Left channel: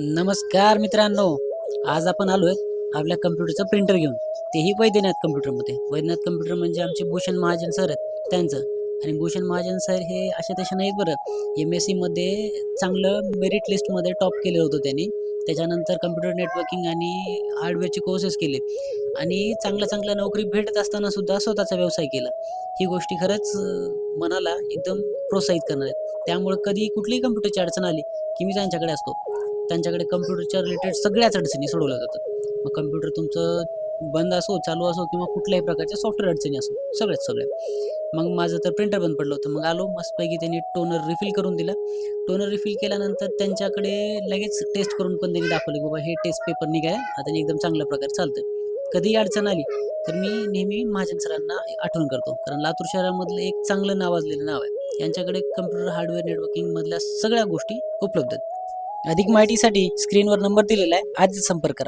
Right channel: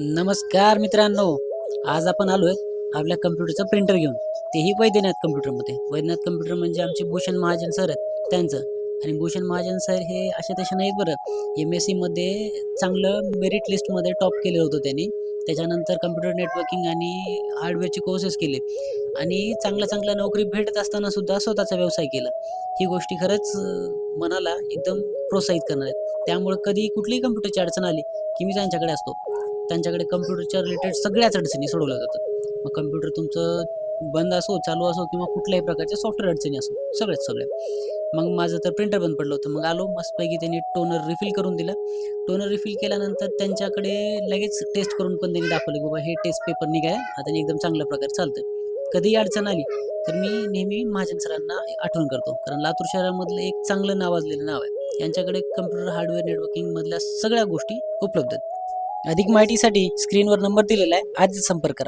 नमस्कार मित्रांनो. आज आपण आलोय आपल्या कम्प्युटरचं प्रिंटर घेऊन, तेही वैद्यनाथ कम्प्युटरमध्ये. वैद्यनाथ कम्प्युटर म्हणजे आमचे भूषण महाजन सर आहेत त्यांचं. आणि भूषण महाजन सर हे अशा तशा नाहीत बरं. MSc मध्ये चांगलं मेरिट लिस्टमध्ये टॉप केलं होतं त्यांनी. त्याच्यानंतर कम्प्युटर नेटवर्किंग आणि हार्डवेअरचे कोर्सेस केले आणि चांगल्या नोकरी भेटत असताना सुद्धा स्वतःचा व्यवसाय केला. ही गोष्टी खरंच मनाला एकदम प्रोत्साहित करणार आहेत. त्यामुळे कधी कुठलीही कम्प्युटरची अडचण आली की मी त्यांच्याकडे असतो. त्यांच्याकडे कम्प्युटरच्या रिलेटेड सगळ्याच अडचणी सोडवल्या जातात. मग कम्प्युटर तुमचं बंद असो, चालू असो किंवा कुठल्याही प्रकारच्या सॉफ्टवेअर अडचणी असो, सगळ्या. मग माझं तर प्रिंटर बंद पडलं होतं. मग आलो मस्तपैकी त्यांनी टोनर रिफिल करून दिला. टोनर रिफिल केल्यानंतर त्यांच्याकडे लगेच टेस्ट करून पण त्यांनी दाखवलं की बाबा हे टेस्ट पेपर निघाला आता एकदम चांगल्या प्रकारे चालतं. कधीही अडचण आली तर मी नेहमी महाजन सरांना आठवण करतो, कारण लातूर शहरामधलं एक चांगलं नावाजलेलं नाव आहे. यांच्याकडे कम्प्युटर हार्डवेअर नेटवर्किंगमधल्या सगळ्या गोष्टी उपलब्ध आहेत. अधिक माहितीसाठी स्क्रीनवर नंबर दिलेला आहे, आजच संपर्क करा.